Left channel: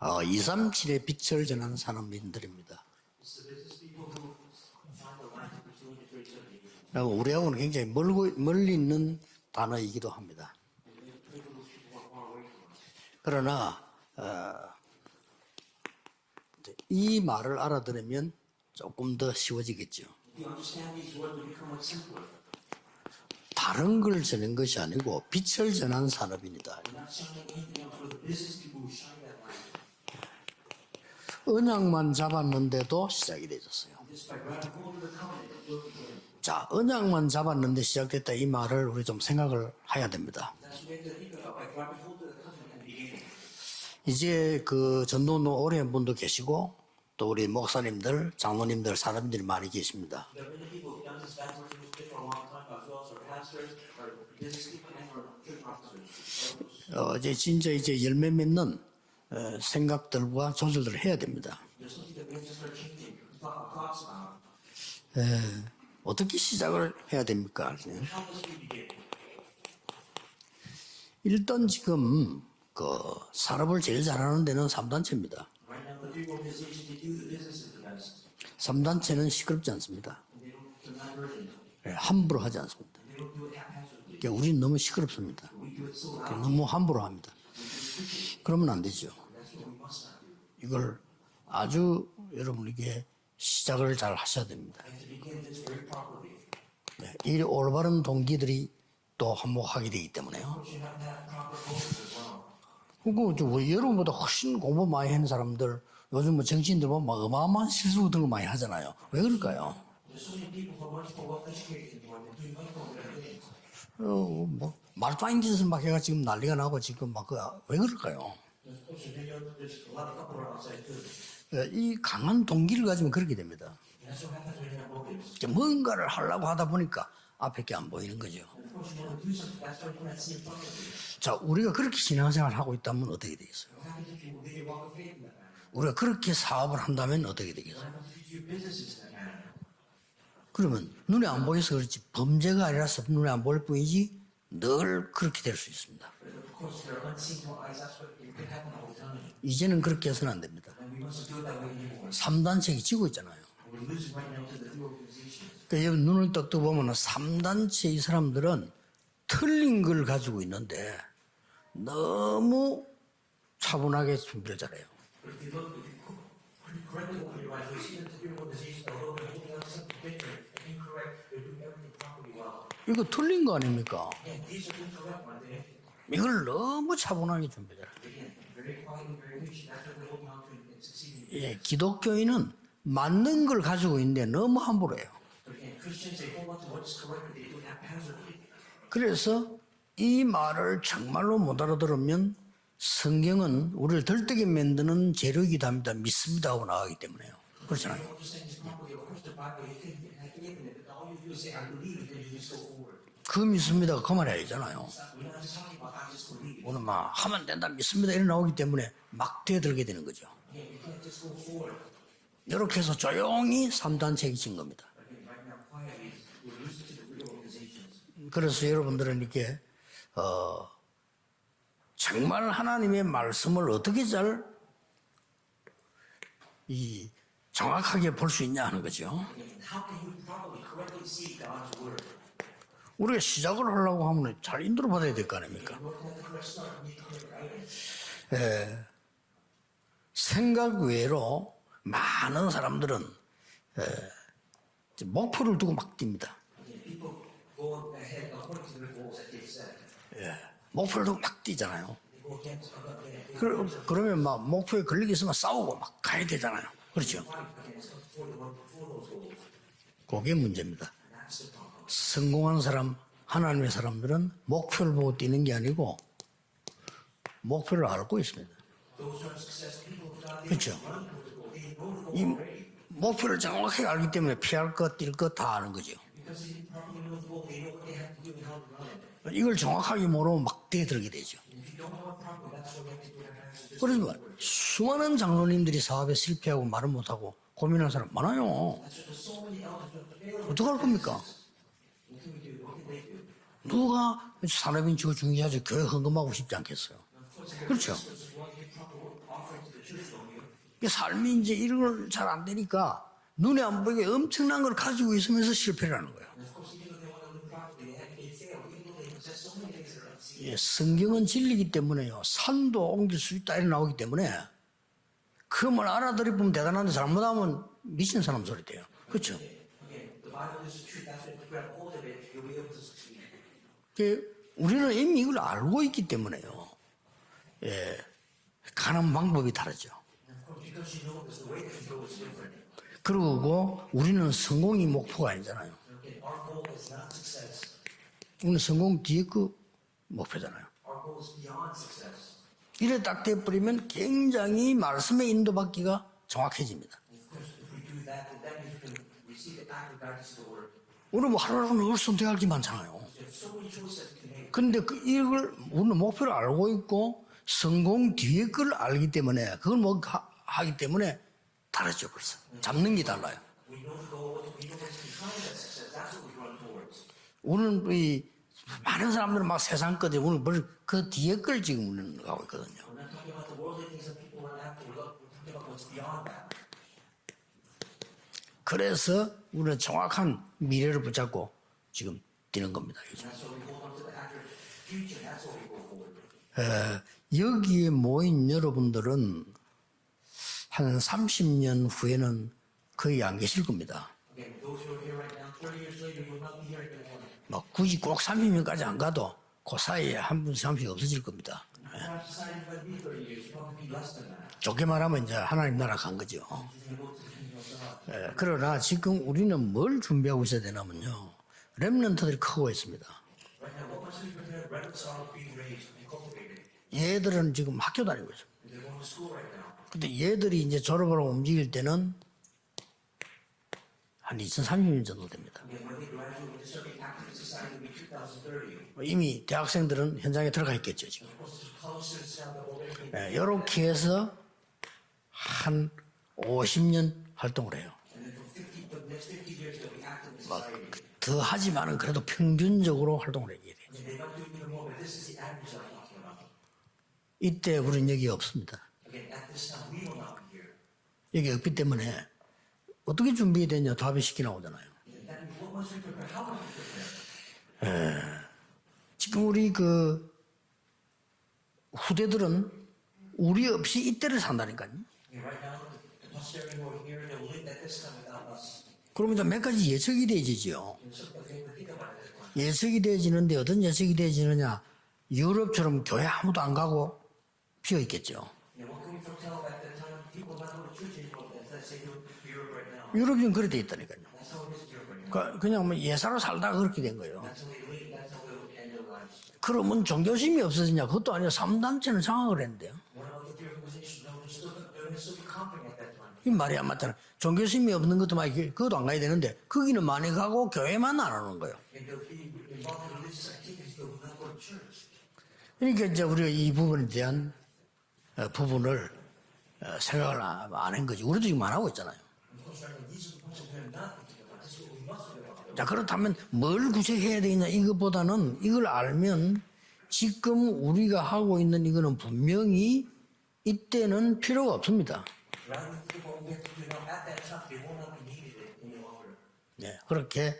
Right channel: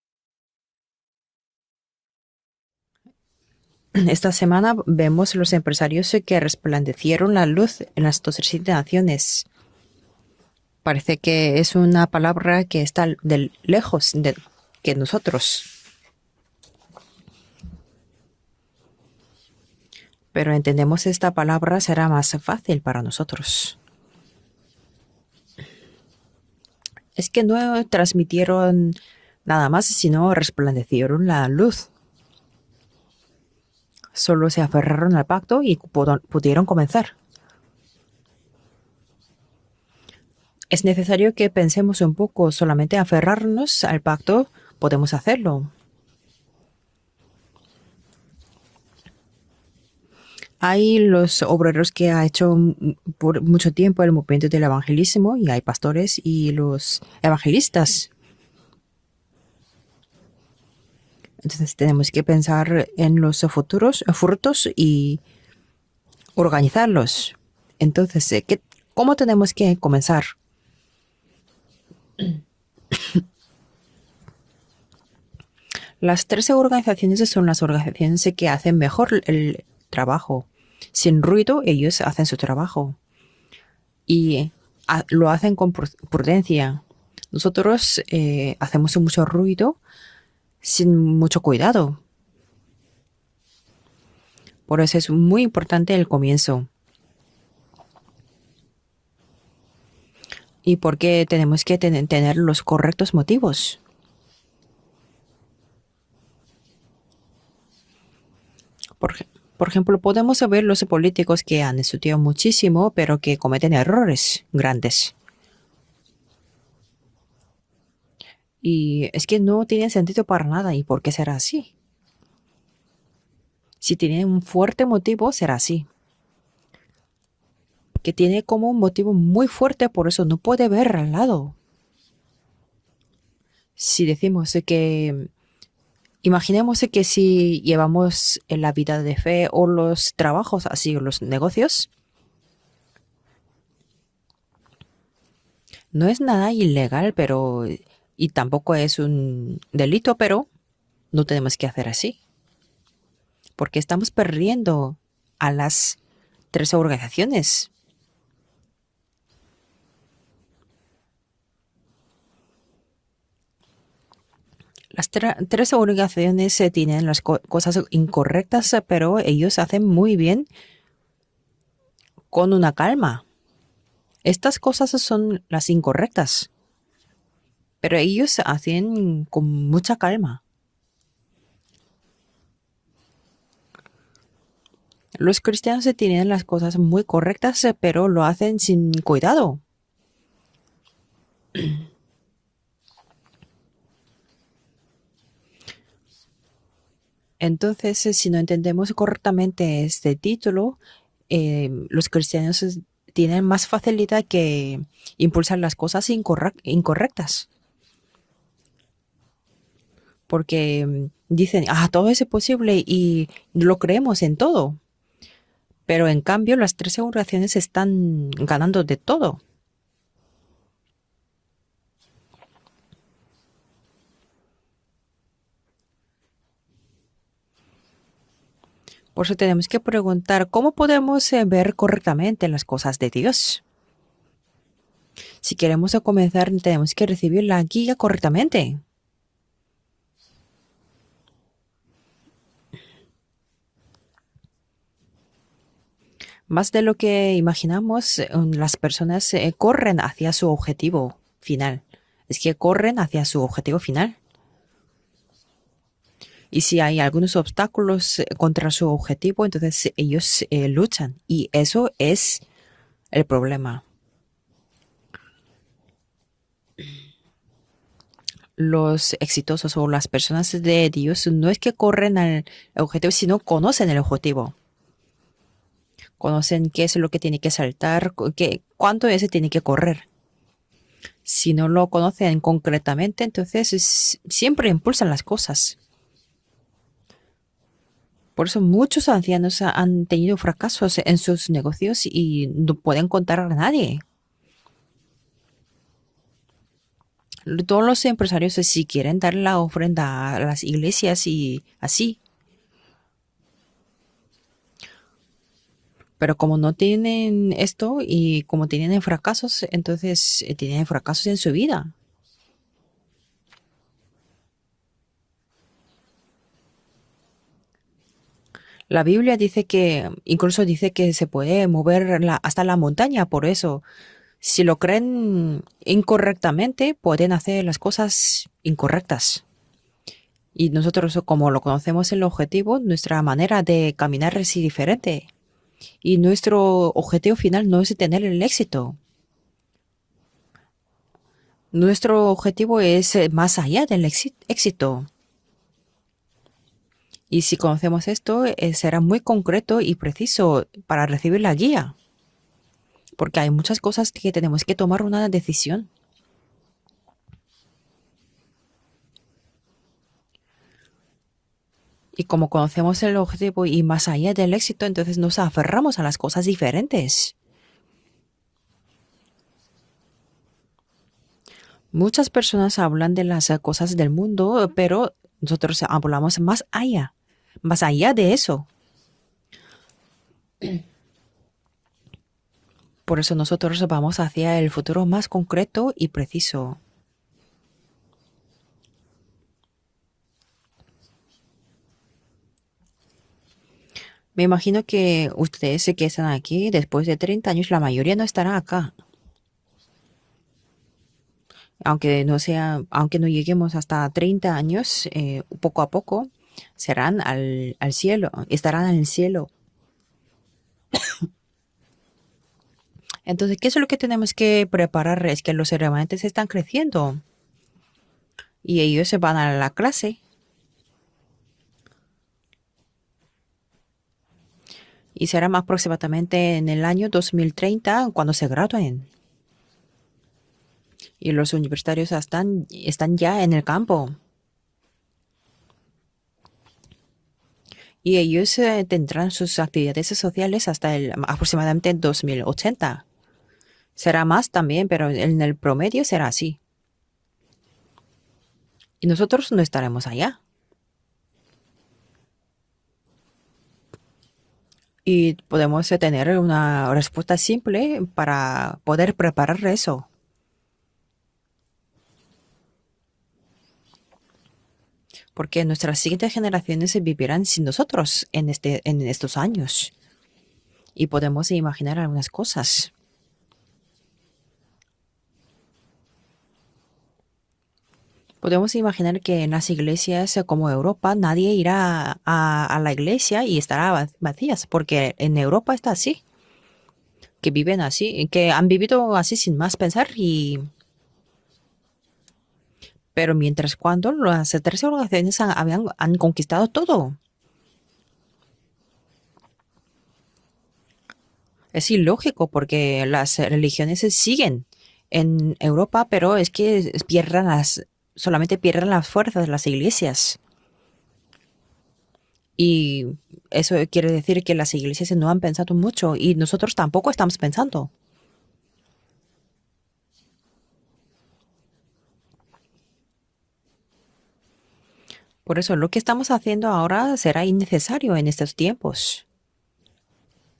237의 빛을 전하는 산업인들입니다. Esta semana vemos los empresarios que resplandecieron la luz en las 207 naciones. 단어이기도 합니다. Parece que es una palabra que está lejos de que nosotros, 이 말을 알아들으면 조금 더 쉬워지겠죠. pero entendemos esta palabra será más fácil para nosotros. 다른 걸 전한 것이 아니고 빛을 전한 산업입니다. Es que no transmitieron nada más, sino resplandecieron la luz. 언약만 잡았는데도 시작이 되었어요. Solo se aferraron al pacto y pudieron comenzar. 언약만 잡았는데 시작됐다 이 말을 우리 좀 생각을 해야 됩니다. Es necesario que pensemos un poco, solamente aferrarnos al pacto, 이제 그 podemos 전문 hacerlo. 오래 한 분도 계시고 또 우리 목사님들, 장로님들, 사람들이 많이 계십니다. Hay los obreros que ha hecho por mucho tiempo el movimiento del evangelismo y hay pastores y los evangelistas. 열매 맺는 생각들과 조절들을 해야 됩니다. Entonces tenemos que pensar en los futuros frutos y 어떻게 시작을 해야 organizarlos. 됩니까? Entonces, ¿cómo tenemos que comenzar? 일단 지금 그 산업을 제일 잘하는 데는 3단체입니다. Las 13 organizaciones son las organizaciones que hacen mejor el trabajo. Sin ruido, ellos hacen su trabajo. Y lo hacen con prudencia. 함부로 합니다. Nosotros hacemos mucho ruido sin mucho cuidado. 여러분에게 시작을 잘 하셔야 됩니다. Por eso es muy importante el comienzo. 이 올바른 동기들이 또 한몫하게 되기 때문에요. Y porque tenemos que tener los correctos motivos. 여러분보다 훨씬 공부 많이 하는 사람들 요즘 뭐 정치인들 보면 막 어마어마한 실수 같은 거 많이 하잖아요. 왜 그럴까요? Por ejemplo, podemos ver los políticos que han estudiado muchísimo, pero que cometen errores grandes. 말도 안 짓을 막 해가 지금 난리가 나고 지금 막 왜 그럴까요? Y es que no tiene sentido para nada. ¿Y por qué será así? 이 강한 동기를 가지면 그렇게 됩니다. Si tiene un fuerte motivo, será así. 뭔가를 하려고 하다 보니까 앞에 게 안 보여요. Que tiene como un motivo muy fuerte, por eso no puede ver al lado. 우리가 그렇게 신앙생활을 하고 있다면 어떻게 되겠어요? Si decimos que, 우리가 그렇게 imaginemos 사업을 que 한다면 si llevamos en la vida de fe o los trabajos así, o los 눈에 안 negocios, 보여서 범죄가 아니라서 눈에 안 보일 뿐이지 늘 그렇게 될 수 있습니다. no es nada ilegal, pero y tampoco es un delito, pero no tenemos que hacer así, 3단체가 지고 있잖아요. porque estamos perdiendo a las 여러분 눈을 딱 13 뜨고 organizaciones. 3단체 이 사람들은 틀린 걸 가지고 있는데 너무 차분하게 준비를 잘해요. Las 13 organizaciones tienen las cosas incorrectas, pero ellos hacen muy bien con una calma. 틀린 거 아닙니까? Estas cosas son las incorrectas, 이걸 너무 차분하게 준비를. pero ellos hacen con mucha calma. 예, 기독교인은 맞는 걸 가지고 있는데 너무 함부로 해요. Los cristianos tienen las cosas muy correctas, pero lo hacen sin cuidado. 이 말을 정말로 못 알아들으면 성경은 우리를 들뜨게 만드는 재료이기도 합니다. 믿습니다 하고 나가기 때문에요. Entonces, si no entendemos correctamente este título, los cristianos tienen más facilidad que impulsar las cosas incorrectas. 하면 된다 믿습니다 이래 나오기 때문에 막 뛰어들게 되는 거죠. Porque dicen, todo es posible y lo creemos en todo. Pero en cambio, las 13 oraciones están ganando de todo. 여러분들에게, 정말 하나님의 말씀을 어떻게 정확하게 볼 수 있냐 하는 거죠. Por eso tenemos que preguntar, ¿cómo podemos ver correctamente las cosas de 우리 Dios? 시작을 하려고 하면 잘 인도를 받아야 될 거 아니에요. Si queremos comenzar, tenemos que recibir la guía correctamente. 생각 외로 많은 사람들은 목표를 두고 막 뜁니다. Más de lo que imaginamos, las personas corren hacia su objetivo final. Es que corren hacia su objetivo final. 그러면 막 목표에 걸리게 있으면 싸우고 막 가야 되잖아요. Y si hay algunos obstáculos contra su objetivo, entonces ellos luchan. Y eso es 성공한 사람, el 하나님의 problema. 사람들은 목표를 보고 뛰는 게 아니고 목표를 알고 있습니다. Los exitosos o las personas de Dios no es que corren al objetivo, sino conocen el objetivo. 피할 것, 뛸 것 다 아는 거죠. Conocen qué es lo que tiene que saltar, cuánto ese tiene que correr. 정확하게 모르면 막 뛰어들게 되죠. Si no lo conocen concretamente, entonces siempre impulsan las cosas. 장로님들이 사업에 실패하고 말을 못하고 고민하는 사람 많아요. Por eso muchos ancianos han tenido fracasos en sus negocios y no pueden contar a nadie. 누가 산업인 지고 중요하지 교회 헌금하고 싶지 않겠어요. Todos los empresarios, si quieren dar la ofrenda a las iglesias 삶이 이제 y 이런 así, 걸잘안 되니까 눈에 안 보이게 엄청난 걸 가지고 있으면서 실패를 하는 거예요. pero como no tienen esto y como tienen fracasos, entonces tienen 성경은 fracasos en su 진리이기 vida. 때문에요. 산도 옮길 수 있다 이런 나오기 때문에 그 말 알아들으면 대단한데 잘못하면 미친 사람 소리 돼요. La Biblia dice que, incluso dice que se puede mover hasta la montaña, por eso, si lo creen 이미 이걸 알고 있기 때문에 incorrectamente, pueden hacer las cosas 가는 incorrectas. 방법이 다르죠. Y nosotros, como lo conocemos el objetivo, nuestra manera de caminar es 성공이 diferente. 목표가 아니잖아요. Y nuestro objetivo final no es tener el 이 éxito. 성공 뒤에 그 목표잖아요. Nuestro objetivo es más allá del 굉장히 éxito. 말씀에 인도받기가 정확해집니다. Y si conocemos esto, será muy concreto y preciso para recibir la guía. 그걸 선택할 게 많잖아요. Porque hay muchas cosas que tenemos que 근데 tomar una 이걸 decisión. 우리는 목표를 알고 있고 성공 뒤에 걸 알기 때문에 그걸 뭐 하기 때문에 다르죠. Y como conocemos 잡는 게 el 달라요. objetivo y más allá del éxito, entonces nos aferramos a las cosas diferentes. 오늘 이 많은 사람들은 막 세상 거지 오늘 그 뒤에 걸 지금 Muchas personas hablan de las cosas del mundo, pero nosotros hablamos más allá de eso. 그래서 우리는 정확한 미래를 붙잡고 지금 뛰는 겁니다. Por eso nosotros vamos hacia el futuro más concreto y preciso. 여기에 모인 여러분들은 한 30년 후에는 거의 안 계실 겁니다. Me imagino que ustedes que están aquí, después de 30 años, la mayoría no estará 30년까지 acá. 안 가도 그 사이에 한 분씩 한 분씩 없어질 겁니다. Aunque no lleguemos hasta 30 años, 말하면 이제 하나님 poco a 나라 간 poco 거죠. serán al cielo, 그러나 estarán en el 지금 cielo. 우리는 뭘 준비하고 있어야 되냐면요. 렘넌트들이 크고 있습니다. Entonces, ¿qué es lo que tenemos que preparar? Es que los remanentes están creciendo 얘들은 지금 학교 다니고 있어요. y ellos se van a la clase. 얘들이 이제 졸업하러 움직일 때는 한 2030년 정도. Y será aproximadamente en el año 2030 cuando se gradúen. 이미 대학생들은 현장에 들어가 있겠죠. 지금. Y los universitarios están ya en el 이렇게 campo. 해서 한 50년 활동을 해요. Y ellos tendrán sus actividades sociales hasta aproximadamente en 2080. 평균적으로 활동을 해야 돼요. Será más también, pero en el promedio será así. 이때 우리는 여기 없습니다. Y nosotros no estaremos allá. 여기 없기 때문에 어떻게 준비되냐 답이 쉽게 나오잖아요. Y podemos tener una respuesta simple para poder preparar 우리 eso. 그 후대들은 우리 없이 이때를 산다니까요. Porque nuestras siguientes generaciones vivirán sin nosotros en estos 그러면 몇 años. 가지 예측이 되어지죠. Y podemos imaginar algunas cosas. 예측이 되어지는데 어떤 예측이 되어지느냐. 유럽처럼 교회 아무도 안 가고 비어 있겠죠. Podemos imaginar que en las iglesias como Europa nadie irá a la iglesia y estará vacías, porque en Europa está 그냥 así, 예사로 살다가 그렇게 된 거예요. que viven así, que han vivido así sin más 그럼 pensar. 종교심이 없어지냐? 그것도 아니라 3단체는 장악을 했는데요. Pero mientras cuando las tres organizaciones han conquistado todo. 종교심이 없는 것도 막 그것도 안 가야 되는데 거기는 많이 가고 교회만 안 하는 거예요. Es ilógico porque las religiones siguen en Europa, pero es que solamente pierden las fuerzas de las iglesias. 안한 거지. 우리도 지금 안 하고 있잖아요. Y eso quiere decir que las iglesias no han pensado mucho y nosotros tampoco estamos pensando. 이것보다는 이걸 알면 지금 우리가 하고 있는 이거는 분명히 이때는 필요가 없습니다. Por eso lo que estamos haciendo ahora será innecesario en estos tiempos. 네, 그렇게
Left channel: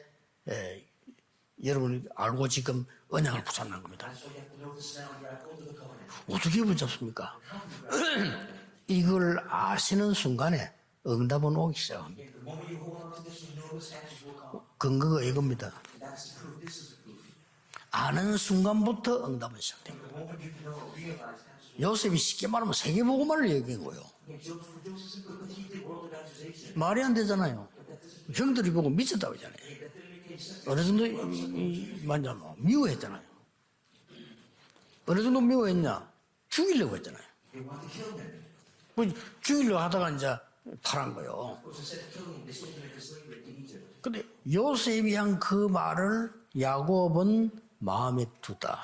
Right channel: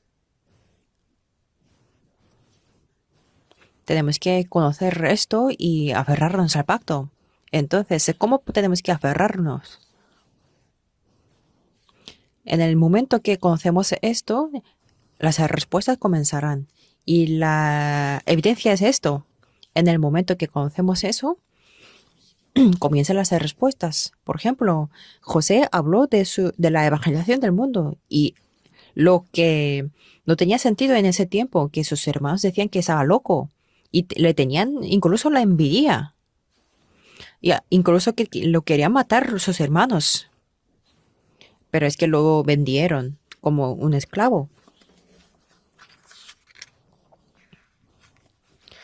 여러분이 알고 지금 언약을 붙잡는 거예요. Tenemos que conocer esto y aferrarnos al pacto. Entonces, ¿cómo tenemos que 이걸 aferrarnos? 아시는 순간에 응답은 오기 시작합니다. En el momento que conocemos esto, 근거가 las respuestas comenzarán. Y la evidencia es esto. En el momento que conocemos eso, 요셉이 쉽게 말하면 comienzan las 세계문화를 respuestas. Por ejemplo, José habló de la evangelización del mundo y 얘기해요. 형들이 보고 lo 미쳤다고. que no tenía sentido en ese tiempo, que sus hermanos decían que estaba loco y le tenían incluso la envidia. 죽이려고 했잖아요. Y incluso que lo querían matar sus 죽이려 hermanos, 하다가 이제 팔은 거예요. pero es que luego vendieron como un esclavo. 요셉이 한 그 말을 야곱은 마음에 두다.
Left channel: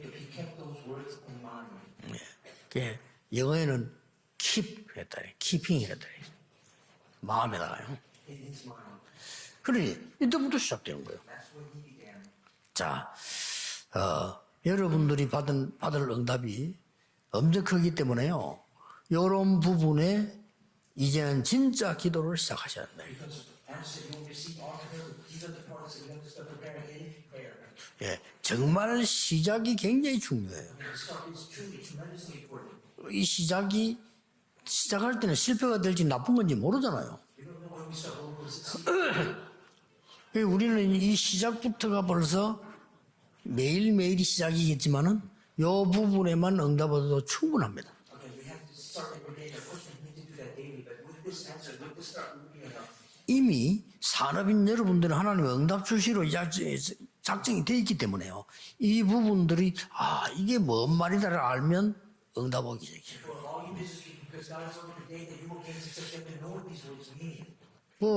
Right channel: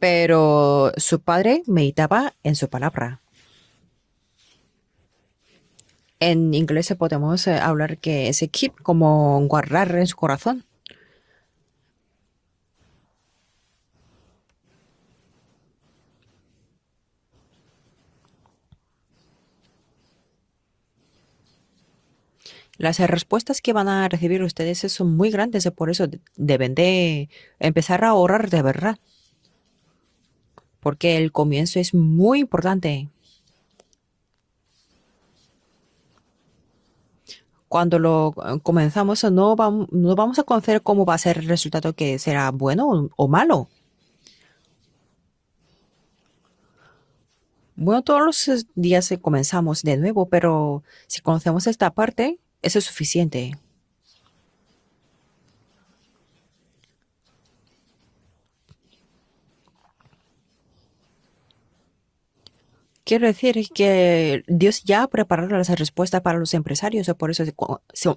Pero su padre meditaba en su palabra. 영어에는 keep 했다. keeping이랬다. En inglés podemos hablar que ese keep como guardar en su corazón. 이때부터 시작되는 거예요. 자, 여러분들이 받을 응답이 엄청 크기 때문에요. 이런 부분에 이제는 진짜 기도를 시작하셔야 돼요. Las respuestas que van a recibir ustedes son muy grandes, por eso deben de empezar a orar de verdad, 정말 시작이 굉장히 중요해요. porque el comienzo es muy importante. 이 시작할 때는 실패가 될지 나쁜 건지 모르잖아요. Cuando lo comenzamos, no vamos a conocer cómo va a ser el resultado, que será bueno o malo. 매일매일이 시작이겠지만은 이 부분에만 응답해도 충분합니다. Bueno, todos los días comenzamos de nuevo, pero si conocemos esta parte, eso es suficiente. 이미 산업인 여러분들은 하나님의 응답 주시로 작정이 돼 있기 때문에요. 이 부분들이 이게 뭔 말이다를 알면 응답 오기 시작해요. Quiero decir que Dios ya ha preparado las respuestas para los empresarios, por eso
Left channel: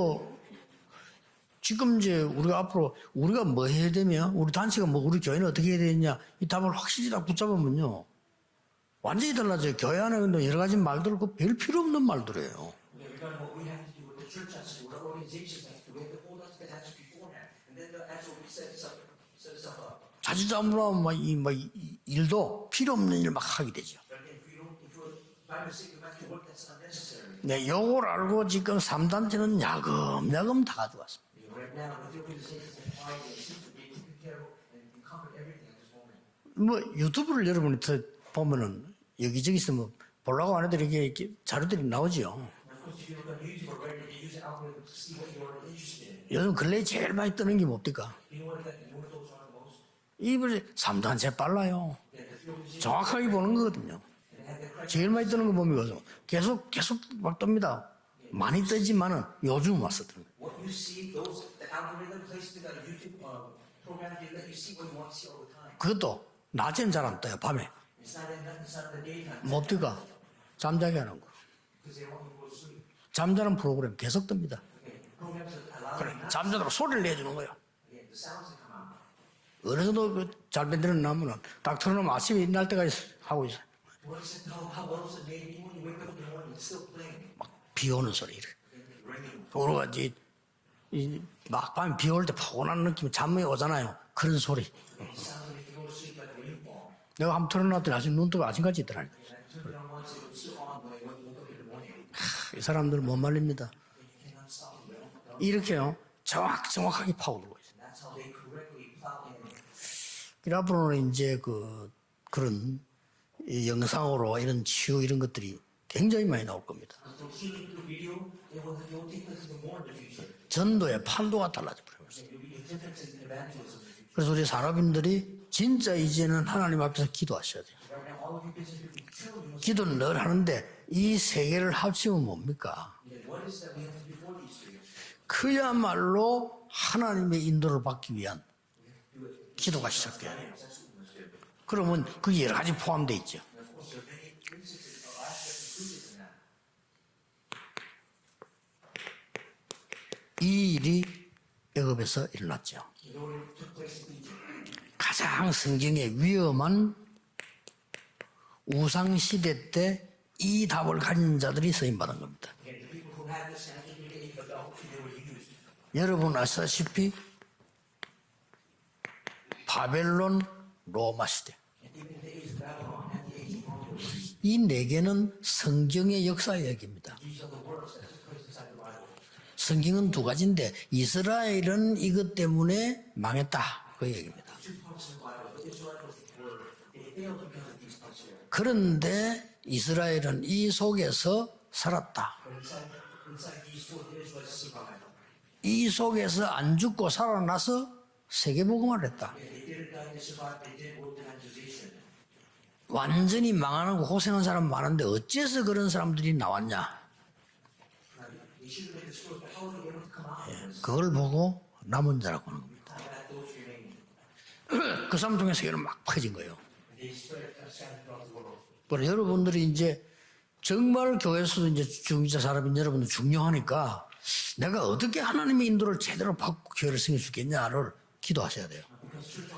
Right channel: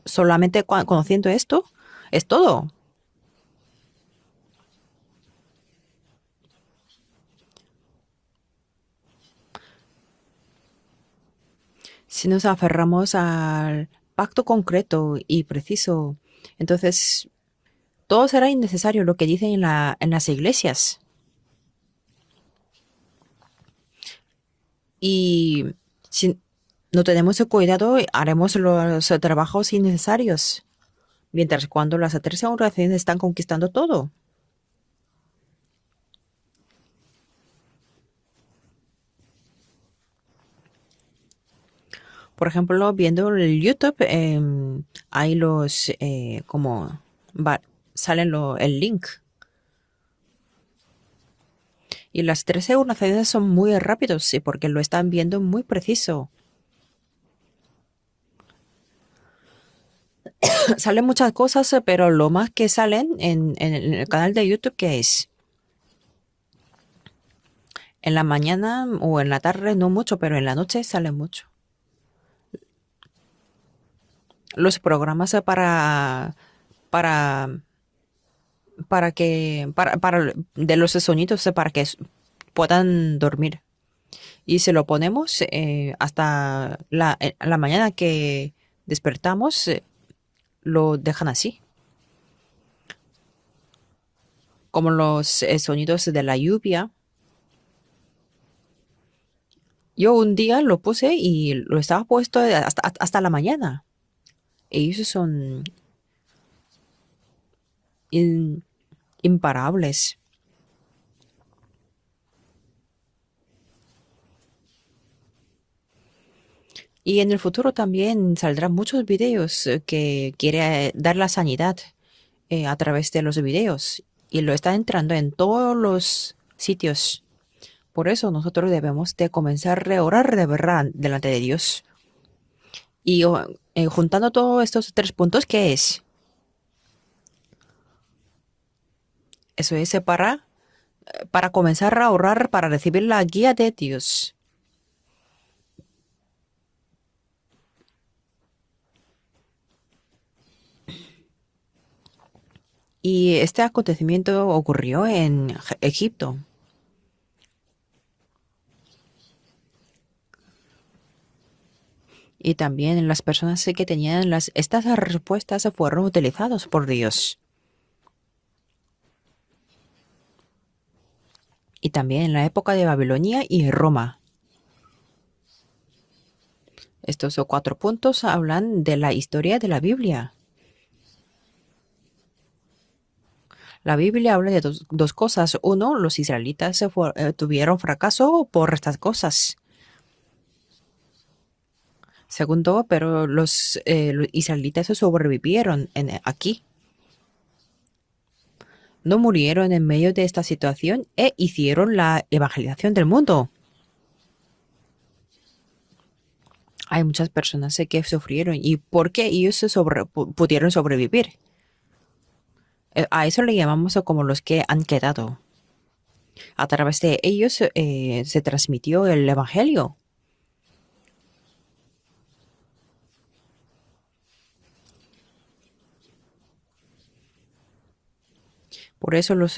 solamente conociendo esto 지금 이제 es 우리 todo. 앞으로 우리가 뭐 해야 되며 우리 단체가 뭐 우리 교회는 어떻게 해야 되냐 이 답을 확실히 딱 붙잡으면요 완전히 달라져요. 교회 안에 있는 여러 가지 말들 별 필요 없는 Si 말들. nos aferramos al pacto concreto y preciso, entonces todo será innecesario lo que dicen en las iglesias. 일도 필요 없는 일 막 하게 되죠. Y si no tenemos cuidado, haremos los trabajos innecesarios. 내가 다 가져왔어. Mientras cuando las tres organizaciones están conquistando todo. 뭐 유튜브를 여러분이 보면은 여기저기서 뭐 보려고 하는 애들이 이렇게 자료들이 나오죠. Por ejemplo, viendo el YouTube, hay los, 요즘 como 근래 제일 많이 뜨는 게 뭡니까? salen el link. 이분이 삼단체 빨라요. Y las tres organizaciones son muy rápidos, sí, porque lo están viendo muy preciso. 계속 막 뜹니다. 많이 뜨지만은 요즘 와서 뜹니다. Salen muchas cosas, pero lo más que salen en el canal de YouTube, ¿qué es? 그것도 낮엔 잘 안 떠요. 밤에. En la mañana o en la tarde no mucho, pero en la noche salen mucho. 잠자는 프로그램 계속 뜹니다. Los programas 잠자다가 소리를 de los sonidos para que puedan dormir. Y se lo ponemos hasta la mañana que despertamos, lo dejan así, 막밤 비 올 때 포근한 느낌이 잠이 오잖아요. 그런 소리. como los sonidos de la lluvia. 내가 한번 틀어놨더니 아직 눈뜨고 아침까지 있더라니까. Yo un día lo puse y lo estaba puesto hasta la mañana. Ellos son 이렇게요. 정확하게 파고들고 있어요. imparables. 앞으로는 이제 그런 이 영상으로 이런 치유 이런 것들이 굉장히 많이 나올 겁니다. Y en el futuro también saldrán muchos videos que quiere dar la sanidad a través de los videos. Y lo está entrando en todos los sitios. 기도하셔야 돼요. Por eso nosotros debemos de comenzar a orar de verdad 이 delante de 세 개를 Dios. 합치면 뭡니까? Y juntando todos estos tres puntos, ¿qué es? 그야말로 하나님의 인도를 받기 위한 Eso es para comenzar a orar, para recibir la guía de Dios. 이 일이 애굽에서 일어났죠. Y este acontecimiento ocurrió en 세상의 Egipto. 위험한 우상 시대 때 이 답을 가진 자들이 쓰임 받은 겁니다. Y también las personas que tenían estas respuestas fueron utilizadas por Dios. 바벨론, 로마 시대. Y también en la época de Babilonia y Roma. 이 네 개는 성경의 역사 이야기입니다. Estos cuatro puntos hablan de la historia de la 성경은 두 Biblia. 가지인데 이스라엘은 이것 때문에 망했다. La Biblia habla de dos cosas. Uno, los israelitas tuvieron fracaso por estas 그런데 cosas. 이스라엘은 이 속에서 살았다. Segundo, pero los israelitas sobrevivieron 이 속에서 aquí. 안 죽고 살아나서 세계복음을 했다. No murieron en medio de esta situación e hicieron la evangelización del mundo. 완전히 망하는 고생한 사람 많은데 어째서 그런 사람들이 나왔냐? Hay muchas personas que sufrieron. ¿Y por qué ellos pudieron sobrevivir? 보고 남은 자라고 하는 겁니다. A eso le llamamos como los que han 그 quedado. 사람 중에 세계는 막 퍼진 거예요. A través de ellos se transmitió el 여러분들이 evangelio. 이제 정말 교회에서도 이제 중자 사람인 여러분들 중요하니까 내가 어떻게 하나님의 인도를 제대로 받고 교회를 세울 수 있겠냐를 기도하셔야 돼요. Por eso los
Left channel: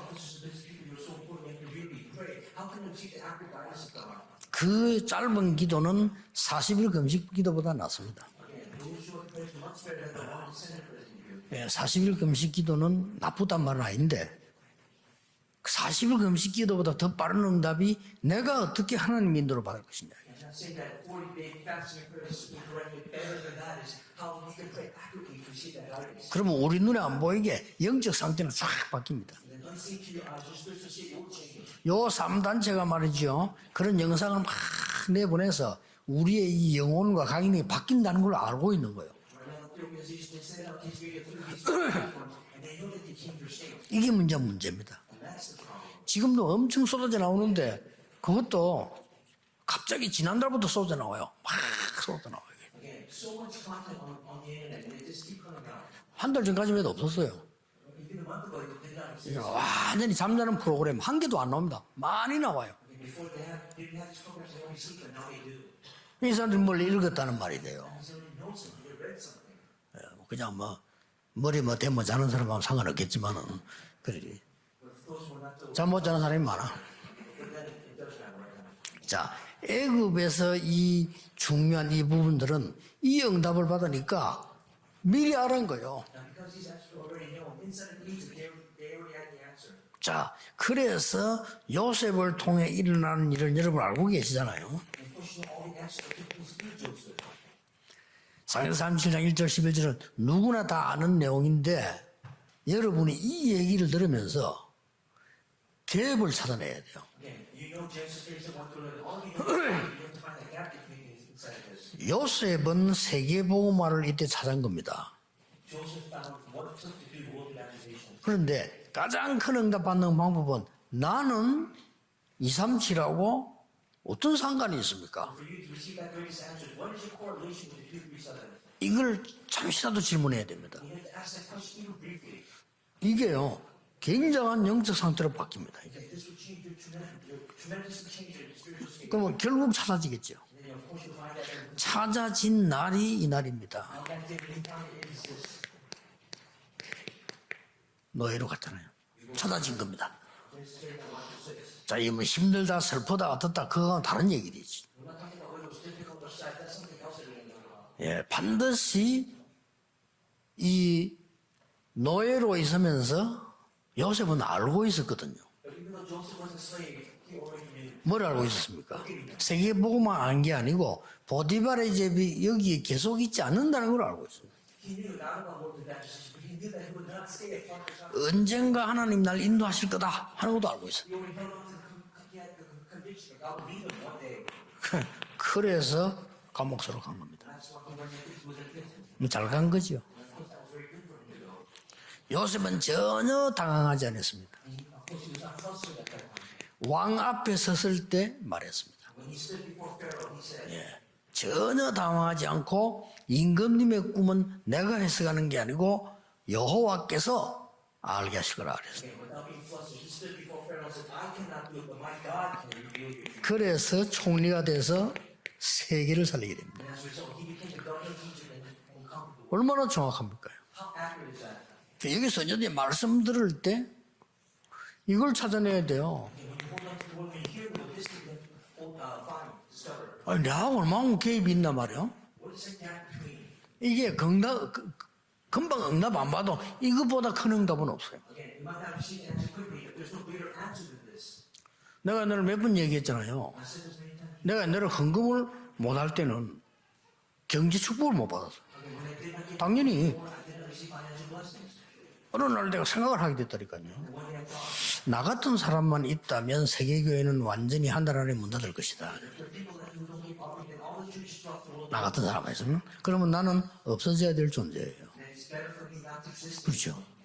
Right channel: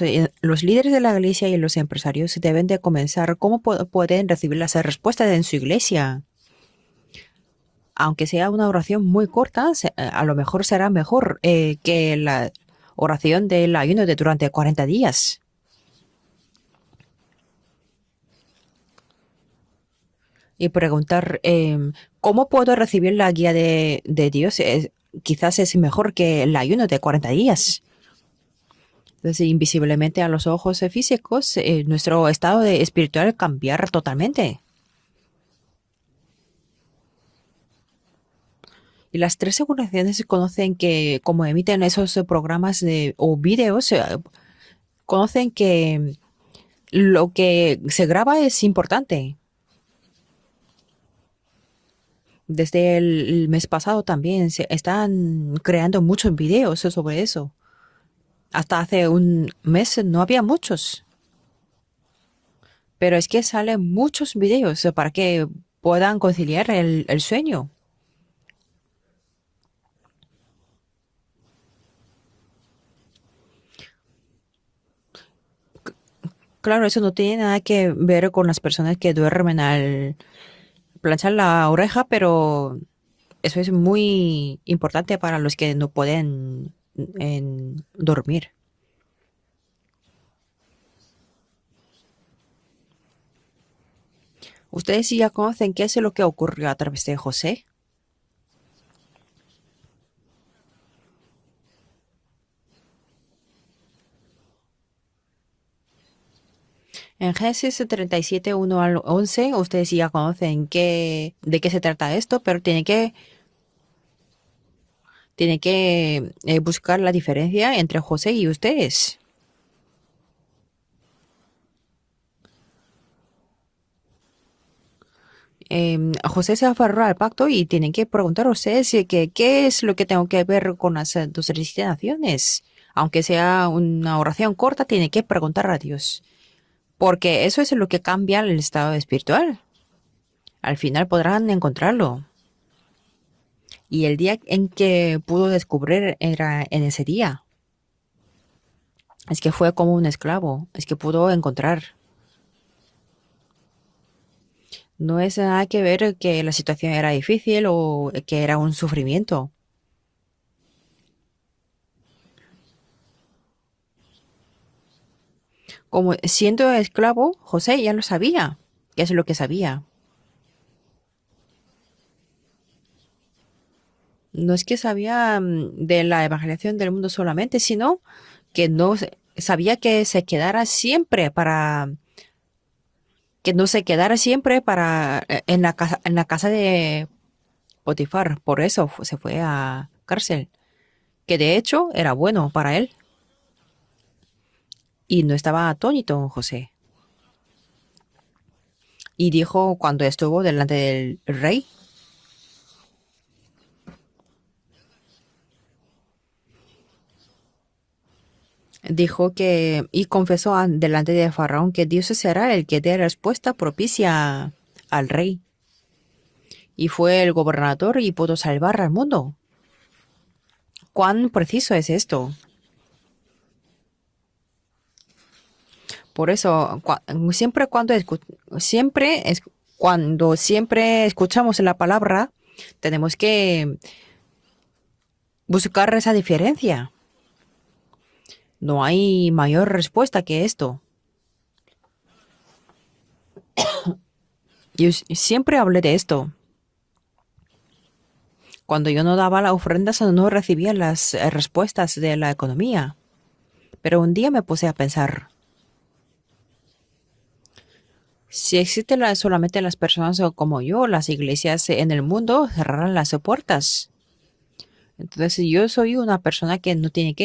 líderes de la iglesia y los empresarios deben de comenzar cómo pueden recibir las respuestas en su iglesia. 40일 금식 기도보다 낫습니다. Aunque sea una oración muy corta, a lo mejor será mejor que la oración del ayuno de durante 40 días. 40일 금식 기도보다 더 빠른 응답이 내가 어떻게 하나님 인도를 받을 것이냐. Y preguntar cómo puedo recibir la guía de Dios quizás es mejor que el 그럼 우리 ayuno de 눈에 안 40 보이게 días. 영적 상태는 쫙 바뀝니다. Entonces, invisiblemente a los ojos físicos, 요 nuestro estado 상담체가 espiritual 말이죠. cambiar 하는 영상을 totalmente. 막 내보내서 우리의 이 영혼과 각인이 바뀐다는 걸 알고 있는 거예요. Y las tres seguraciones conocen que, como emiten esos programas o videos, 이게 문제입니다. conocen que 지금도 엄청 쏟아져 lo que 나오는데 se graba es 그것도 importante. 갑자기 지난달부터 쏟아 나와요. 막 쏟아 나와요. Desde el mes pasado también se están creando muchos videos sobre eso. Hasta hace un mes 완전히 no había 잠자는 muchos. 프로그램 한 개도 안 나옵니다. 많이 나와요. Pero es que salen muchos videos para que puedan conciliar el sueño. 그냥 뭐 머리 뭐 대모 자는 사람하고 상관없겠지만은 그래. 잠못 자는 사람이 많아. Claro, eso no tiene nada que ver con las personas que duermen al 애굽에서 이 planchar la oreja, pero 이 eso 응답을 es 받으니까 muy importante para los que no pueden dormir. 자, 그래서 요셉을 통해 일어나는 일을 여러분 알고 계시잖아요. Ustedes ya conocen qué es lo que ocurrió a través de José. 사무엘상 37장 1절 11절은 누구나 다 아는 내용인데 여러분이 이 얘기를 들으면서 갭을 찾아내야 돼요. En Génesis 37, 1 al 11, ustedes ya conocen de qué se trata esto, pero 요셉은 세계복음화를 이때 찾은 겁니다. tienen que buscar la diferencia entre José y 그런데 ustedes. 가장 큰 응답 받는 방법은 나는 237하고 어떤 상관이 있습니까? José se aferró al pacto y tienen que preguntar a ustedes qué es lo que tengo que ver con las dos naciones. Aunque sea una oración corta, tienen que preguntar a Dios. Porque eso es lo que cambia el estado espiritual. 결국 찾아지겠죠. Al final podrán encontrarlo. 찾아진 날이 이 날입니다. Y el día en que pudo descubrir era en ese día. 노예로 갔잖아요. Es que fue como un esclavo. Es que pudo encontrar. 자, 이 뭐 힘들다, 슬프다, 어떻다, 그건 다른 얘기지. No es nada que ver que la situación era difícil o que era un sufrimiento. 이 노예로 있으면서 요셉은 알고 있었거든요. Como siendo esclavo, José ya lo sabía. ¿Qué es lo que sabía? 세계복음만 안 게 아니고 보디발의 제비 여기에 계속 있지 않는다는 걸 알고 있어요. No es que sabía de la evangelización del mundo solamente, sino que 언젠가 no 하나님 날 sabía que 인도하실 se 거다. quedara siempre para que no se quedara siempre para en la casa de Potifar. Por eso se fue a cárcel. Que de hecho era bueno para él 전혀 당황하지 않았습니다. y no estaba atónito José. 왕 앞에 섰을 때 말했습니다. Y dijo cuando estuvo delante del rey, 전혀 당황하지 않고 임금님의 꿈은 내가 해석하는 게 아니고 여호와께서 알게 하실 거라. dijo que y confesó delante de Faraón que Dios será el que dé respuesta propicia 총리가 돼서 al rey. 세계를 살리게 됩니다. Y fue el gobernador y pudo salvar al mundo. 얼마나 정확합니까? ¿Cuán preciso es esto? 여기서 이제 말씀 들을 때 이걸 찾아내야 돼요. Por eso, siempre escuchamos la palabra, tenemos que 이게 buscar esa diferencia. 이거보다 큰 응답은 없어요. No hay mayor respuesta que esto. 내가 늘 몇 번 얘기했잖아요. 내가 늘 Yo siempre hablé de esto. 경제 축복을 못 받았어. Cuando yo no daba las ofrendas, no recibía las respuestas de la economía. 생각을 하게 됐다니까요. Pero un día me puse a pensar, 나 같은 사람만 있다면 세계교회는 완전히 한다라는 si existen solamente las personas como yo, las iglesias en el mundo cerrarán las puertas. 없어져야 될 존재예요. Entonces yo soy una persona que no tiene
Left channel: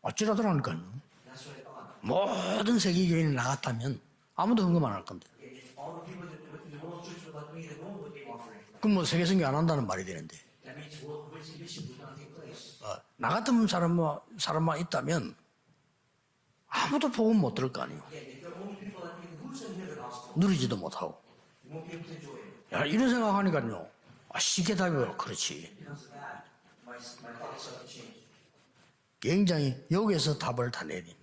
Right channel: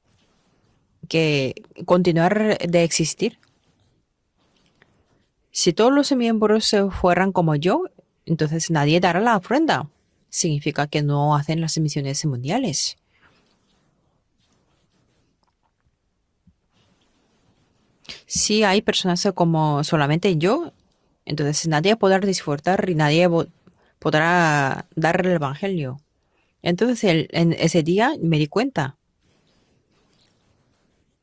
어찌라더라니까요. que continuar 모든 de 세계교회에 existir. 나갔다면 아무도 헌금 안 할 건데. Si todos los miembros fueran como yo, entonces nadie dará la ofrenda. Significa que no hacen las misiones mundiales. 나 같은 사람만 있다면 아무도 복음 못 들을 거 아니에요. Si hay personas como solamente yo, 믿지도 못하고. entonces nadie podrá disfrutar y nadie podrá dar el evangelio. Entonces en ese día me di cuenta 굉장히 여기에서 답을 다 내린.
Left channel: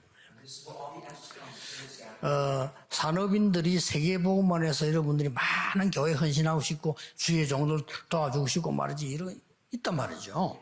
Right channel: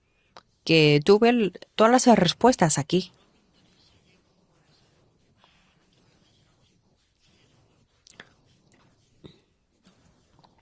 que tuve todas las respuestas aquí. 산업인들이 세계복음만해서 여러분들이 많은 교회 헌신하고 싶고 주의 종들 도와주고 싶고 말이지 이런 있단 말이죠.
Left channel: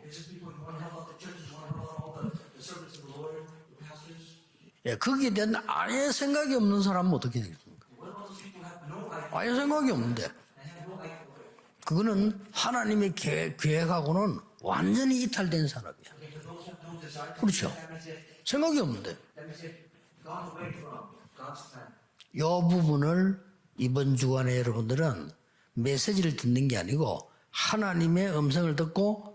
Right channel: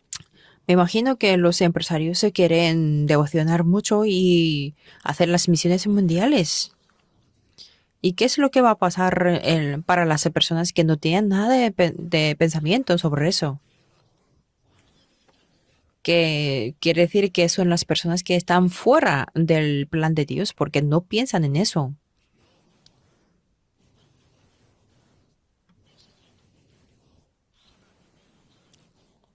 Me imagino que los empresarios se quieren devocionar mucho y 예, hacer 그렇기 las 때문에 misiones 아예 생각이 mundiales. 없는 사람은 어떻게 되겠습니까? ¿Y qué es lo que va a pasar 아예 생각이 para las 없는데 personas que no tienen nada de 그거는 pensamiento 하나님의 sobre eso? 계획하고는 완전히 이탈된 사람이에요. Que quiere decir que son las personas que están 생각이 없는 fuera del plan de Dios porque no piensan en eso. 이 부분을 이번 주간에 여러분들은 메시지를 듣는 게 아니고 하나님의 음성을 듣고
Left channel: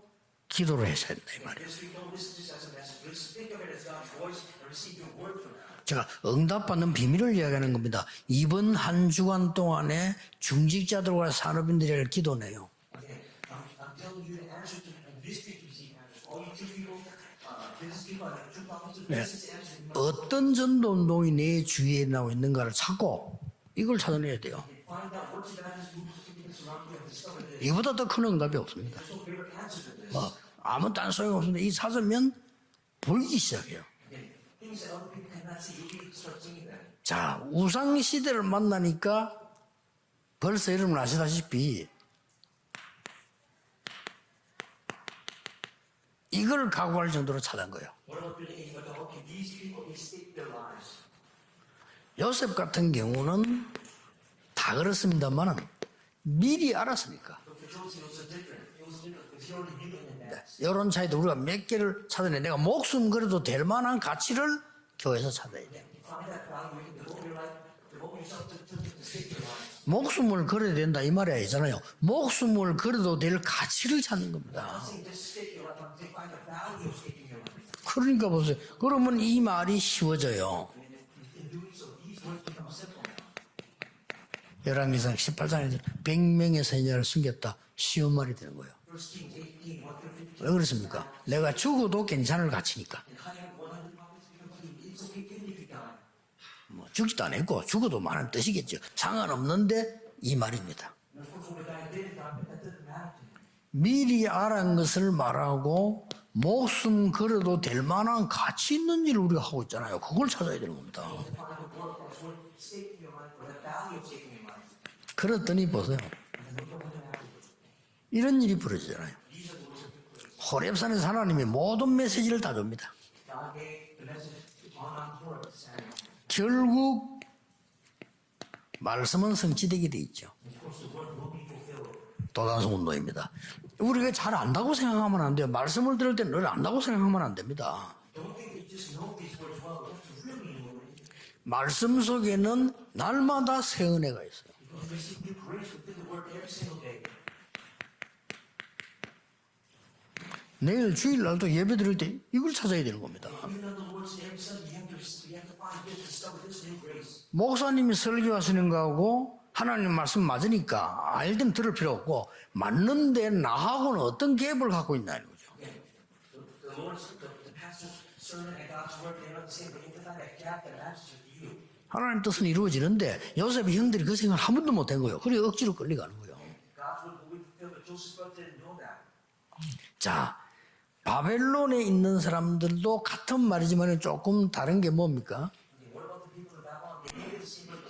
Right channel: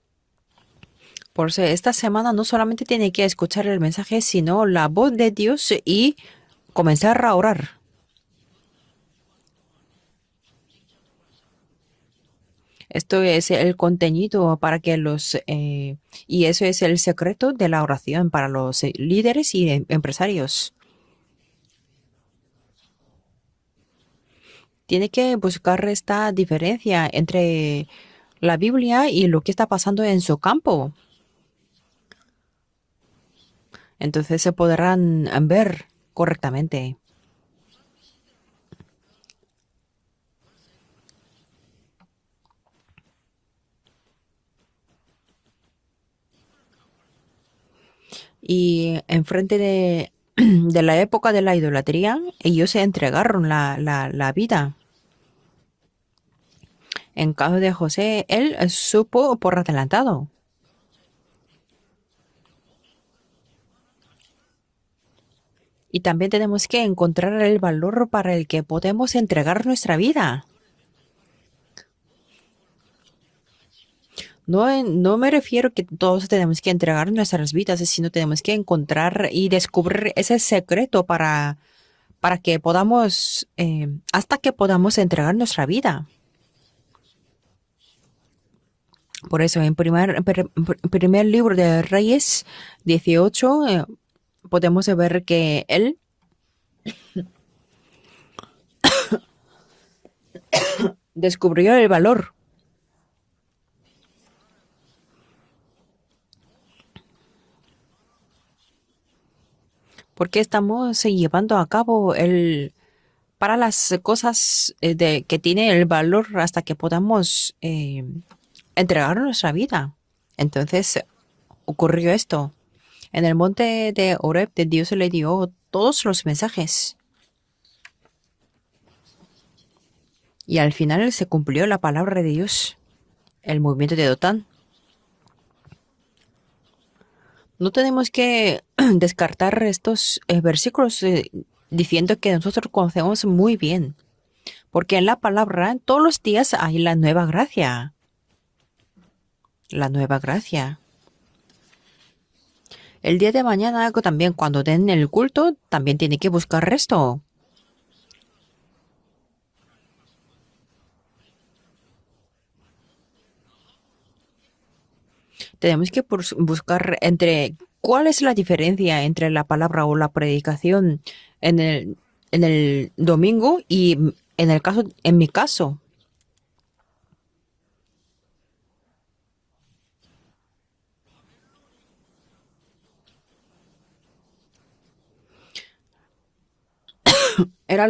기도를 하셔야 돼요. Por eso esta semana no solamente tiene que escuchar el mensaje, sino la voz de Dios y 응답받는 comenzar a 비밀을 orar. 하는 겁니다. 이번 한 주간 동안에 중직자들과 산업인들이 할 기도네요. Esto es el contenido para que y eso es el secreto de la oración para los líderes y 어떤 empresarios. 전도 운동이 내 주위에 나와 있는가를 찾고 이걸 찾아내야 돼요. Tiene que buscar esta diferencia entre 이보다 더 큰 응답이 la 없어요. Biblia y lo que está pasando en su campo. 아무 딴 소용 없는데 이 찾으면 보이기 시작해요. Entonces se podrán ver correctamente. 자, 우상 시대를 만나니까 벌써 여러분 아시다시피 이걸 각오할 정도로 찾은 거예요. Y enfrente de la época de la idolatría, ellos se entregaron la vida. 다 그렇습니다만은 미리 알았습니다. En caso de José, él supo por adelantado. 이런 차이도 우리가 몇 개를 찾아내. 내가 목숨 걸어도 될 만한 가치를 교회에서 찾아야 돼. Y también tenemos que encontrar el valor para el que podemos entregar nuestra vida. 목숨을 걸어야 된다 이 말이 아니잖아요. 목숨을 걸어도 될 가치를 찾는 겁니다. No me refiero que todos tenemos que entregar nuestras vidas, sino tenemos que encontrar y descubrir ese secreto para que podamos, hasta que podamos entregar nuestra vida. 100명의 세녀를 숨겼다. 쉬운 말이 되는 거예요. Por eso, en primer libro de Reyes 18, podemos ver que él 죽지도 않았고 죽어도 많은 뜻이겠죠. 상관없는데 이 말이 descubrió el valor. 미리 알은 것을 말하고 목숨 걸어도 될 만한 가치 있는 일을 우리가 하고 있잖아요. 그걸 Porque estamos llevando a cabo para las cosas que tiene el valor hasta que podamos 이런 일이 벌어졌어요. entregar nuestra vida. Entonces 호렙산에서 하나님이 모든 ocurrió 메시지를 esto. 다 줍니다. En el monte de Horeb, Dios le dio todos los mensajes. 결국 말씀은 성취되게 돼 있죠. Y al final se cumplió la palabra de Dios. 돌아가는 운동입니다. El movimiento de 우리가 잘 Dotán. 안다고 생각하면 안 돼요. 말씀을 들을 때는 늘 안다고 생각하면 안 됩니다. No tenemos que descartar estos versículos 말씀 diciendo que 속에는 nosotros conocemos muy 날마다 새 bien. 은혜가 있어요. Porque en la palabra todos los días hay la nueva gracia. La nueva gracia. 내일 주일날도 예배 드릴 때 이걸 찾아야 되는 거예요. El día de mañana también cuando den el culto también tiene que buscar esto. 목사님이 설교하시는 거하고 하나님 말씀 맞으니까 알든 들을 필요 없고 맞는데 나하고는 어떤 갭을 갖고 있나. Tenemos que buscar entre cuál es la diferencia entre la palabra o la predicación en el domingo y en mi caso. 자, 바벨론에 있는 사람들도 같은 말이지만 조금 다른 게 뭡니까? Era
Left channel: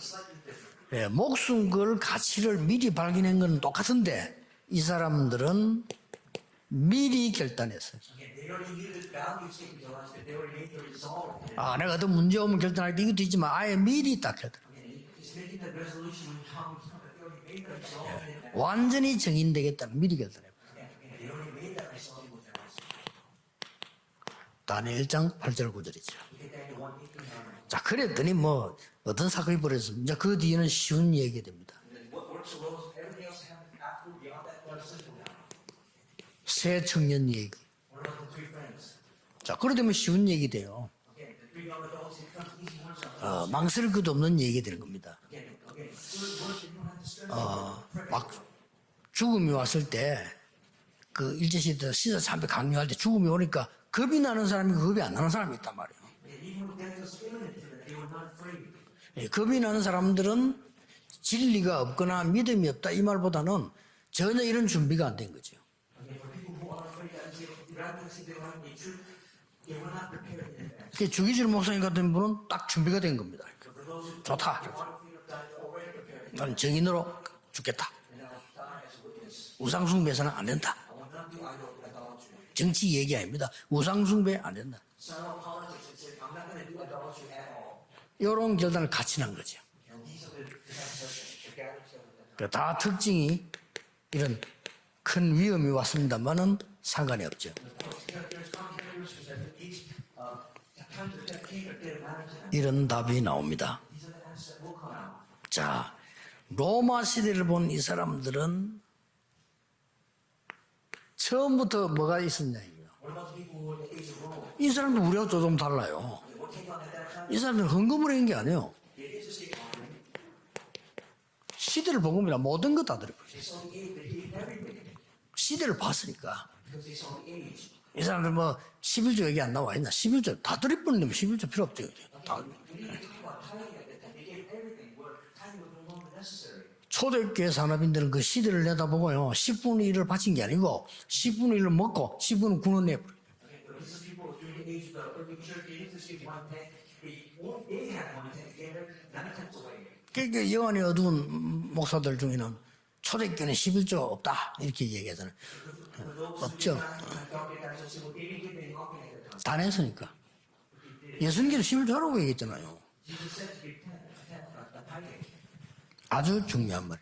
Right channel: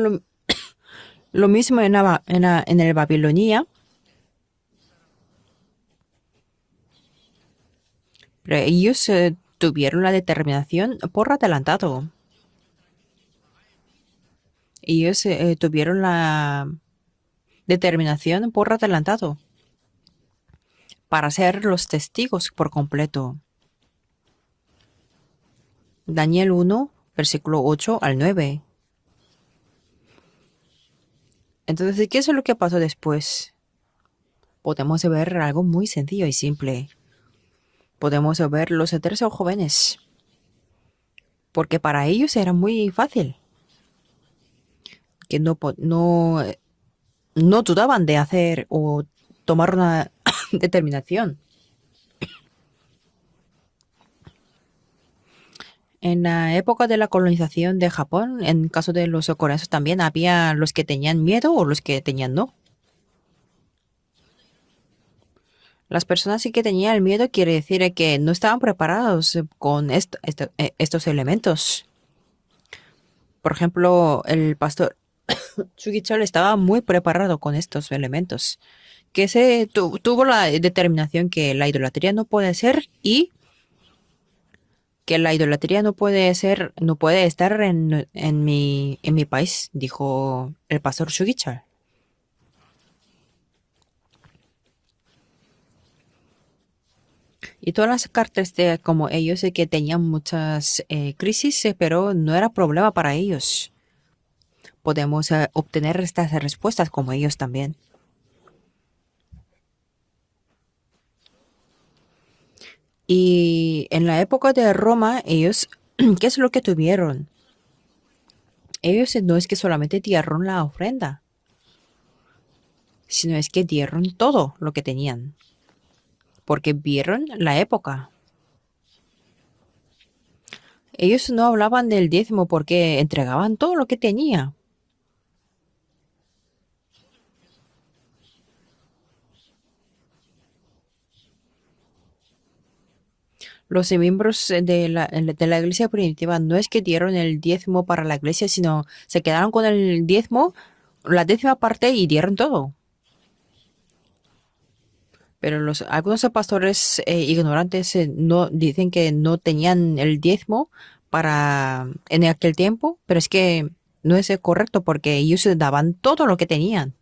예, lo mismo en el 바빌로니아 Babilonia. 똑같은데 이 사람들은 미리 결단했어요. Pero ellos tuvieron la determinación por adelantado. 내가 더 문제 오면 결단할 때 이것도 있지만 아예 미리 딱 결단. Ellos tuvieron la determinación por 완전히 adelantado 정인되겠다는 미리 결단해. para ser los testigos por completo. 다니엘 1장 8절 9절이죠. Daniel 1, versículo 8 al 9. 어떤 사건이 벌어졌습니다. 그 뒤에는 쉬운 얘기 됩니다. Entonces, ¿qué es lo que pasó después? Podemos ver algo muy sencillo y 새 simple. 청년 얘기. Podemos ver los 13 그러면 jóvenes, 쉬운 얘기 돼요. porque para ellos era muy fácil, 망설일 것도 없는 얘기 되는 겁니다. que no dudaban de hacer o 죽음이 tomar 왔을 una 때 determinación. 일제시대 시사 참배 강요할 때 죽음이 오니까 겁이 나는 사람이 겁이 안 나는 사람이 있단 말이에요. En la época de la colonización de Japón, en caso de los coreanos también había los que tenían miedo o los que tenían no. 믿음이 없다 이 말보다는 전혀 이런 준비가 안 된 거죠. Las personas sí que tenían el miedo quiere decir que no estaban preparados con estos 주기철 elementos. 목사님 같은 분은 딱 준비가 된 겁니다. Por ejemplo, el pastor Chugichol estaba muy preparado con estos elementos, que tuvo la determinación que la idolatría no puede ser 정치 얘기 y 아닙니다. 우상 숭배 안 된다. que la idolatría no puede ser, no puede estar en mi país, dijo el pastor Shugichar. 다 특징이 이런 큰 위험이 왔습니다만은 상관이 없죠. Y todas las cartas de como ellos que tenían muchas crisis, pero no era 이런 problema para 답이 ellos. 나옵니다. Podemos obtener estas respuestas 로마 como ellos 시대를 본 también. 이 사람들은 처음부터 뭐가 있었냐? Y en la época de Roma, ellos, ¿qué es lo que tuvieron? 이 사람들은 헌금을 한 게 아니에요. Ellos no es que solamente dieron la ofrenda, 시대를 본 겁니다. 모든 거 다 들어. sino es que dieron todo lo que tenían, 시대를 봤으니까. porque vieron la época. 이 사람들 뭐 11조 얘기 안 나와 있나? 11조 다 드릴 뻔. Ellos no hablaban del diezmo porque entregaban todo lo que tenía. 초대교회 산업인들은 그 시대를 내다보고요. 10분의 1을 바친 게 아니고 10분의 1을 먹고 10분은 군원 내버려. Los miembros de la iglesia primitiva no es que dieron el diezmo para la iglesia, sino se quedaron con el diezmo, la décima parte y dieron todo. 초대교회는 11조 없다 이렇게 얘기하잖아요. Pero algunos pastores ignorantes no dicen que no tenían el diezmo en aquel tiempo, pero es que no es correcto porque ellos daban todo lo que tenían.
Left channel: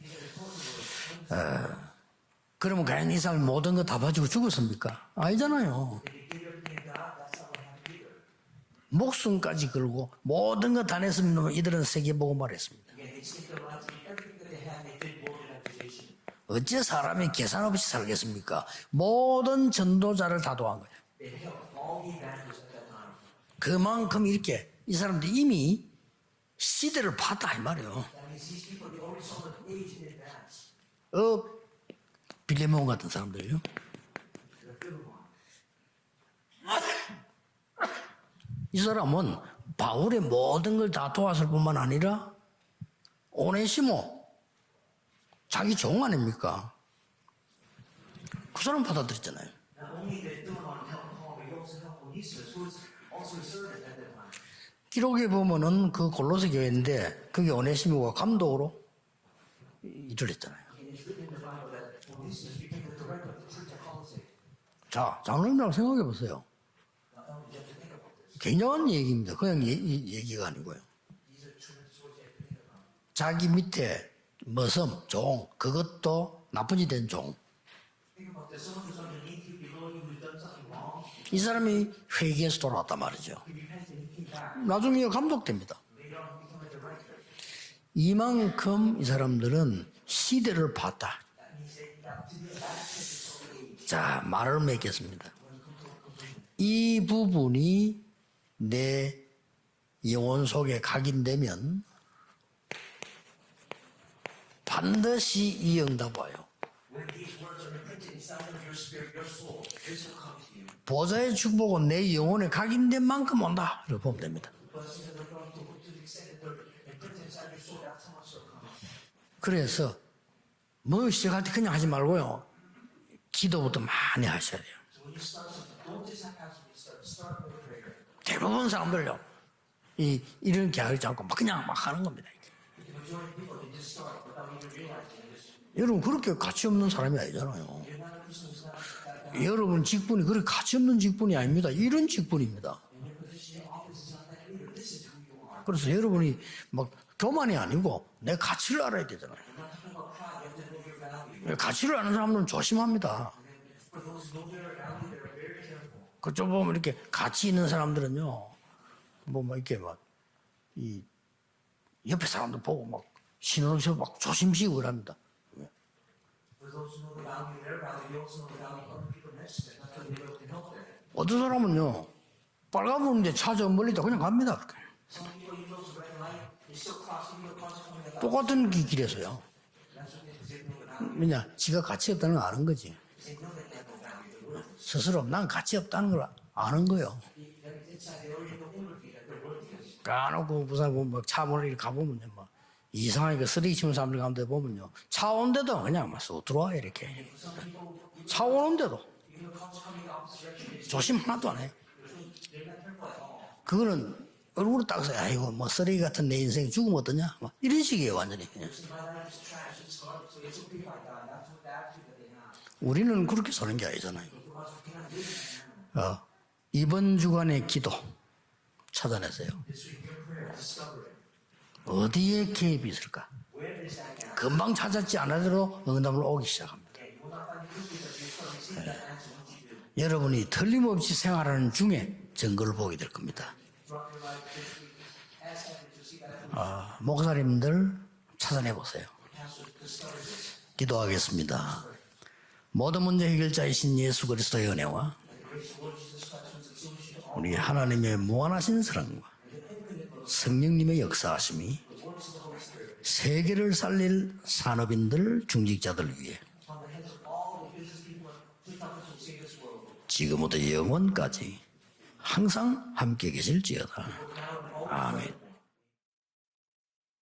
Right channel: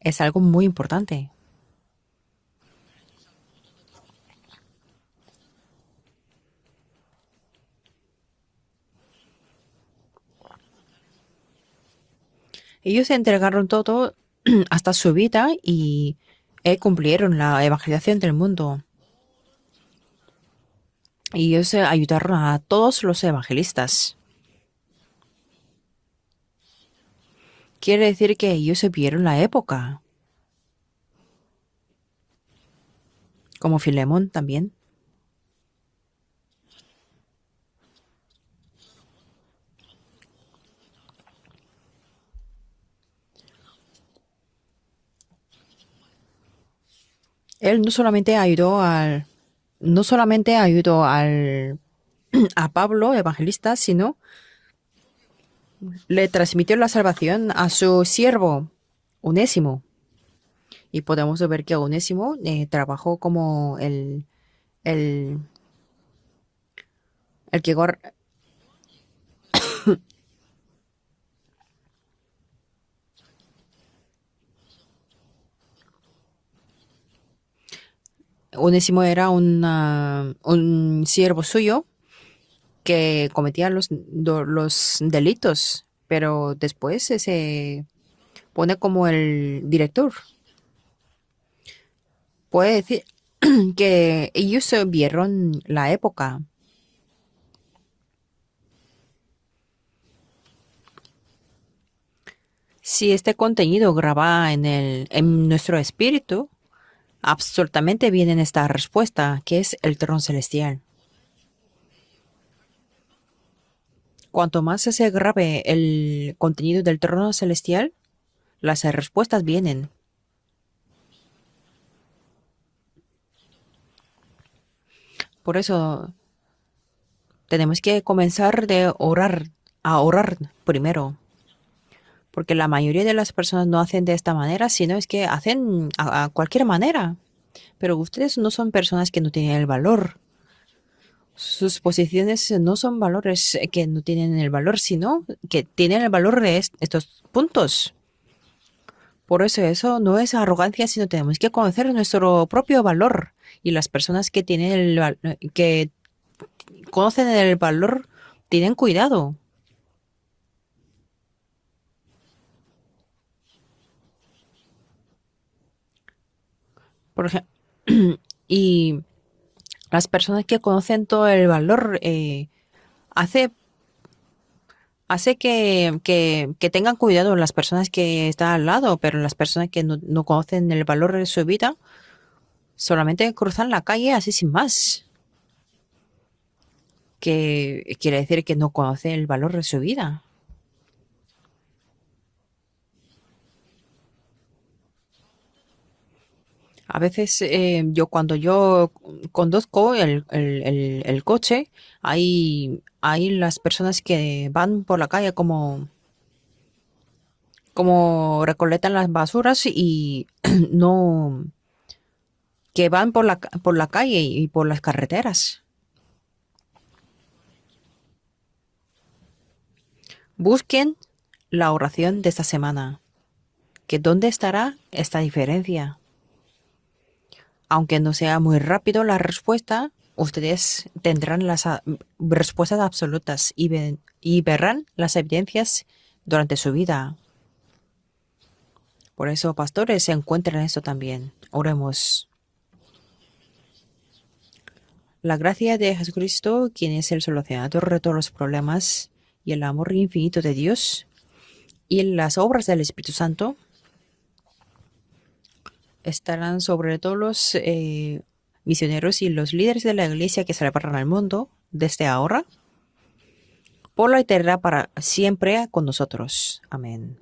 Es algo muy importante. 그러면 과연 이 사람이 모든 거 다 가지고 죽었습니까? 아니잖아요. 목숨까지 걸고 모든 거 다 냈으면 이들은 세계보고 말했습니다. Ellos entregaron todo hasta su vida y cumplieron la evangelización del mundo. 모든 전도자를 다 도한 거예요. Y ellos ayudaron a todos los evangelistas. 그만큼 이렇게 이 사람들이 이미 시대를 봤다 이 말이에요. Quiere decir que ellos vieron la época, 빌레몬 같은 사람들요. como Filemón también. 이 사람은 바울의 모든 걸 다 도왔을 뿐만 아니라 오네시모 자기 종 아닙니까? Él no solamente ayudó a Pablo, evangelista, sino 기록에 보면은 그 le transmitió la salvación a su siervo, Onésimo. 일을 했잖아요. Y podemos ver que Onésimo trabajó como el 장로님이라고 생각해 보세요. que 굉장한 얘기입니다. 그냥 얘기가 아니고요. 자기 밑에 머슴, 종, 그것도 나쁜 짓 된 종. Onésimo era un siervo suyo 회개에서 돌아왔다. que cometía los delitos, pero después se 이만큼 pone como 이 el 사람들은 director. 시대를 봤다. Puede decir que ellos vieron la época. 이 부분이 내 영혼 속에 각인되면 Si este contenido graba en nuestro espíritu, absolutamente viene esta respuesta, que es el trono celestial. 보좌의 축복은 내 영혼에 각인된 만큼 온다. 이렇게 보면 됩니다. Cuanto más se grabe el contenido del trono celestial, las respuestas vienen. 그래서 뭐 시작할 때 그냥 하지 말고요. 기도부터 많이 하셔야 돼요. Por eso tenemos que comenzar a orar 이런 게 primero. 아니지 않고 막 그냥 막 하는 겁니다. Porque la mayoría de las personas no hacen de esta manera, sino es que hacen 여러분, a 그렇게 cualquier 가치 없는 manera. 사람이 아니잖아요. Pero ustedes no son personas que no tienen el 여러분 valor. 직분이 그렇게 가치 없는 직분이 아닙니다. Sus 이런 posiciones 직분입니다. no son valores que no tienen el valor, sino que tienen el valor de 뭐 estos 교만이 puntos. 아니고 내 가치를 알아야 되잖아요. Por eso no es arrogancia, sino tenemos que conocer nuestro propio valor. Y las personas que que 그쪽 보면 이렇게 conocen 가치 el 있는 valor 사람들은요. tienen cuidado. 뭐 이렇게 막이 옆에 사람들 보고 막 신호를 막 조심시고 그럽니다. Por ejemplo, y las personas que conocen todo el valor 빨간 hace- 문에 찾아 멀리다 그냥 갑니다. 그렇게. hace que tengan cuidado las personas que están al lado, pero las personas que no conocen el valor de su vida 지가 가치 없다는 걸 아는 거지. solamente cruzan la calle así sin más, 스스로 난 가치 없다는 걸 아는 거예요. que quiere decir que no conoce el valor de su vida. 까놓고 부산 뭐차 몰래 이렇게 가보면요, 막 이상하게 그 쓰레기 치는 사람들 가운데 보면요, 차 온데도 그냥 막 쏙 들어와 이렇게. A veces cuando yo conduzco el coche, hay las personas que van por la calle 아이고, 뭐 como, 쓰레기 같은 내 인생 죽으면 어떠냐? 막 이런 식이에요. como recolectan las basuras y no, que van por por la calle y por las carreteras. 이번 주간의 기도 찾아내세요. Busquen la oración de 어디에 esta 개입이 semana. 있을까? Que dónde estará 그만 찾았지 esta 않아도 diferencia. 응답을 오기 시작합니다. Aunque no sea muy rápido la respuesta, ustedes tendrán las respuestas absolutas y verán las evidencias durante su vida. 목사님들 찾아내 보세요. Por eso, pastores, se encuentran en eso también. 기도하겠습니다. Oremos. 모든 문제 해결자이신 예수 그리스도의 은혜와 La gracia de Jesucristo, quien es el solucionador de todos los problemas, y el amor infinito de 성령의 Dios, 역사하심이 y las obras del Espíritu Santo 세계를 살릴 산업인들, 중직자들 위해 estarán sobre todos los misioneros y los líderes de la iglesia que se repartan al mundo desde ahora 항상 함께 계실지어다. por la eternidad para siempre con nosotros. Amén.